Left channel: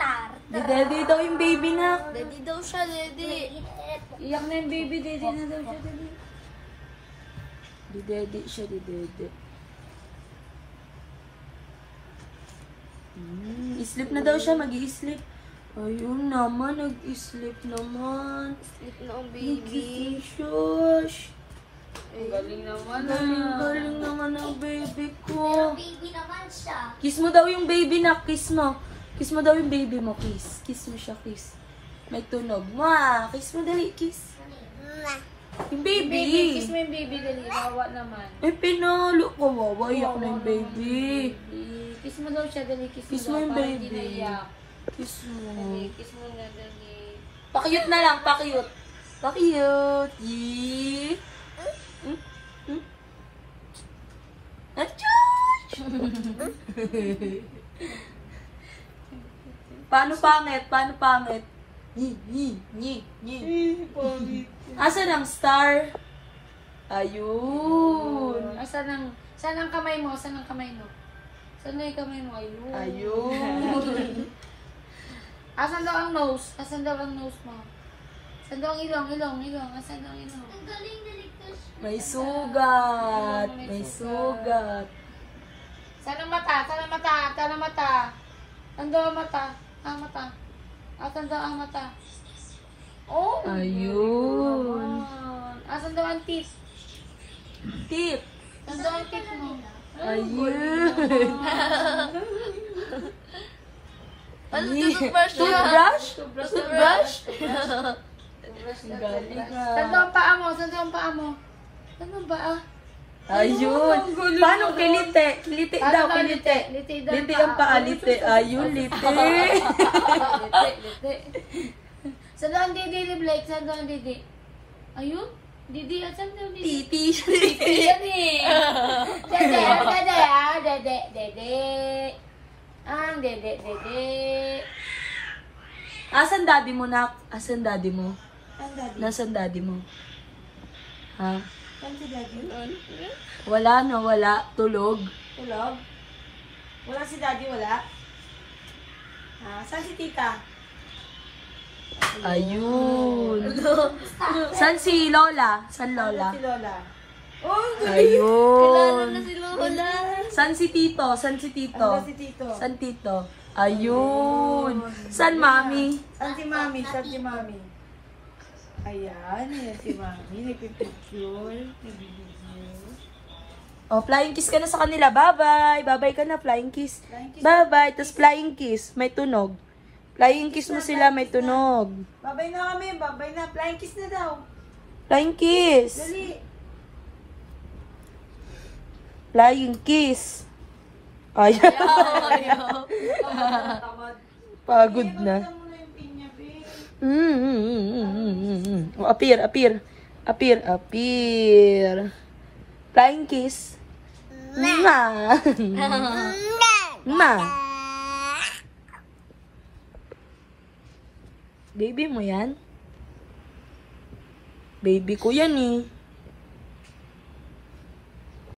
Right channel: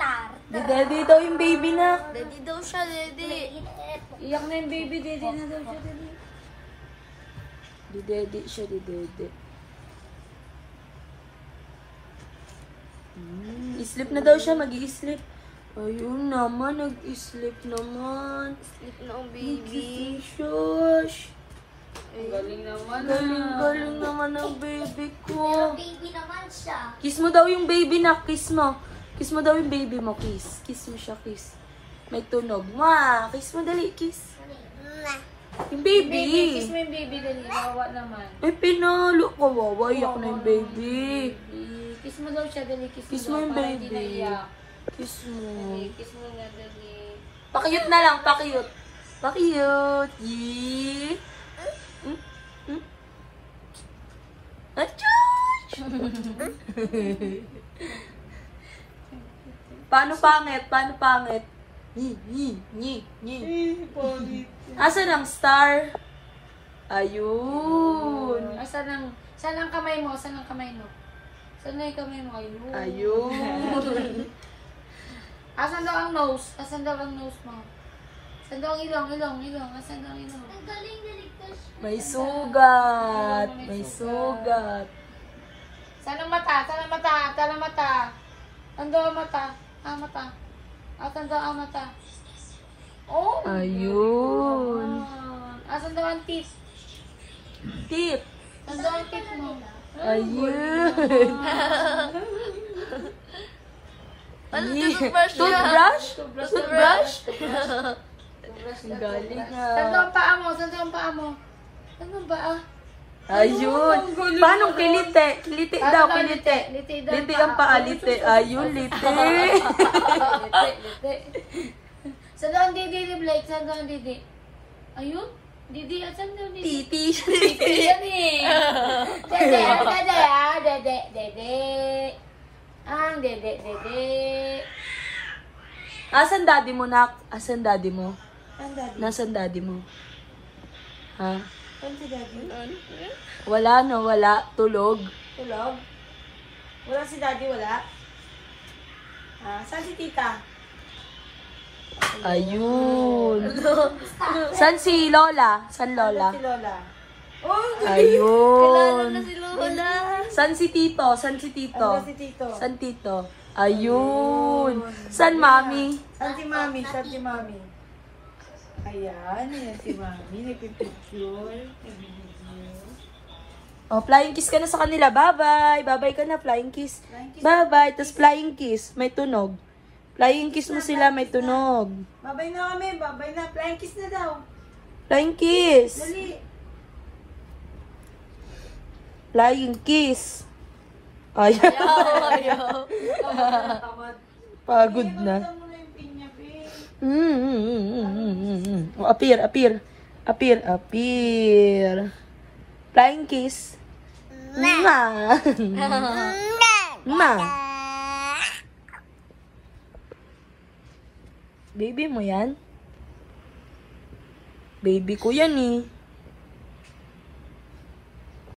star. Daddy daw yung baby na. Daddy daw siya, daddy. Iyak na yung baby, daddy na daw siya, daddy. Daddy siya, daddy. Sleep na daw siya, mag-i-sleep. Ayun naman, nag-sleep naman. Sleep na ang baby. Shush. Galing naman. Galing naman ang baby ko. Baby naman siya. Kiss mo daw yung baby na. Kiss mo. Kiss mo daw yung baby mo. Kiss. Kiss mo siya, kiss. May tunog. Ma, kiss mo dali, kiss. Yung baby. Kiss mo yung baby, dali. Wawa naman. Ay, pinalo ko. Wawayak na yung baby. Kiss mo daw siya, dali. Kiss mo yung baby. Kiss mo. Kiss mo nga, dali. Pakiyot na lang, pakiyot. Pakiyot. Yee. Paano pangit? Paano pangit? Asan ang star? Ayun. Saan ang kamay mo? Saan ang kamay mo? Saan na yung kamay mo? Ayun. Ayun. Asan daw ang nose? Asan daw ang nose mo? Asan daw ang ilong? Asan daw ang ilong? May sugat. May sugat. Saan ang mata? Saan ang mata? Saan ang mata? Asan daw ang mata? Ang mata. Asan daw ang mata? Oh! Ayun. Asan daw ang teeth? Tip. Asan daw ang teeth mo? Ayun. Toothbrush? Toothbrush? Galing Saan daw ang paa mo? Saan daw ang paa mo? Saan ang paa? Ayun. Paano kilite? Kilite daw, kilite. Lite ang paa, lite. Ayun, lite. Saan daw ang didi ni Blake? Saan daw ang didi? Ayun? Didi, saan daw didi? Titi. Yan eh. Dede. Ang dede. Asan daddy mo, nak? Asan daddy mo? Ang daddy. Nasaan daddy mo? Ha? Saan si daddy? Wala na, wala. Tulog. Tulog? Wala si daddy, wala? Saan si tita? Ayun. San si Lola? San Lola? Si Lola. Ayun. Lola. San si Tito? San si Tito? Si Tito. San Tito? Ayun. San Mami? Saan si Mami? Saan si Mami? Ayan, yan si Mami. Nagpipicture. Oh, flying kiss ka na sa kanila. Bye-bye. Bye-bye ka na, flying kiss. Bye-bye. Tapos flying kiss. May tunog. Flying kiss mo sila, may tunog. Babay na kami. Babay na. Flying kiss na daw. Flying kiss. Dali. Flying kiss. Ayaw. Pagod na. Oh, appear. Flying kiss. Ma. Ma. Baby mo yan? Baby ko yan eh.